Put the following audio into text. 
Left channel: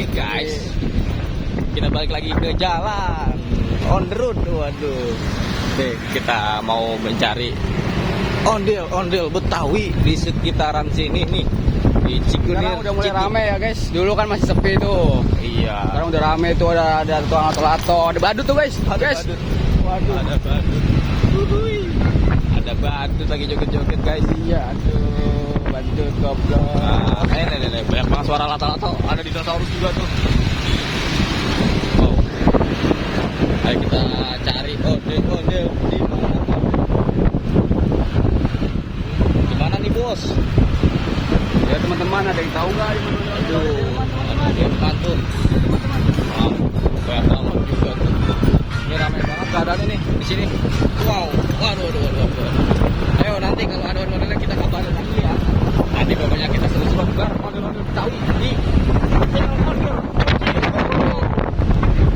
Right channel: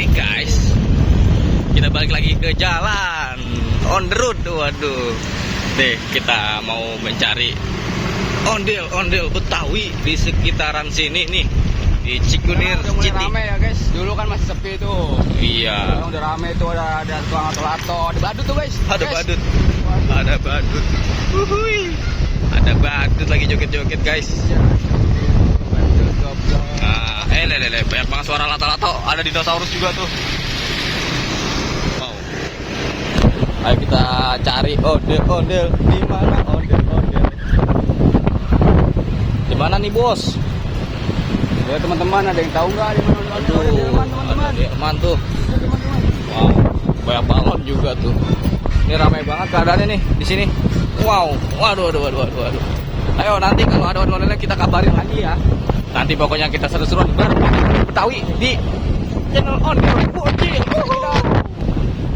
Oke guys, kita balik lagi ke jalan on the road. Waduh, deh kita mau mencari ondel-ondel Betawi di sekitaran sini nih, di Cikunir udah mulai City. rame ya guys, dulu kan masih sepi tuh. Iya, Sekarang udah rame tuh, ada tukang lato-lato, ada badut tuh guys. ada Guys. badut, Waduh. ada badut. Uhuy. Ada badut lagi joget-joget guys. Iya, tuh badut goblok. Nah, banyak banget suara lato-lato. Ada dinosaurus juga tuh. Wow. Ayo kita cari ondel-ondel. Di mana ondel-ondel? Di mana nih bos? Ya teman-teman, ada yang tahu nggak ini? Aduh, ada Jerman tuh. Banyak banget juga tuh. Ini ramai banget keadaannya nih di sini. Wow, waduh. Ayo nanti kalau ada ondel-ondelnya kita kabarin lagi ya. Nanti pokoknya kita seru-seruan Betawi di channel on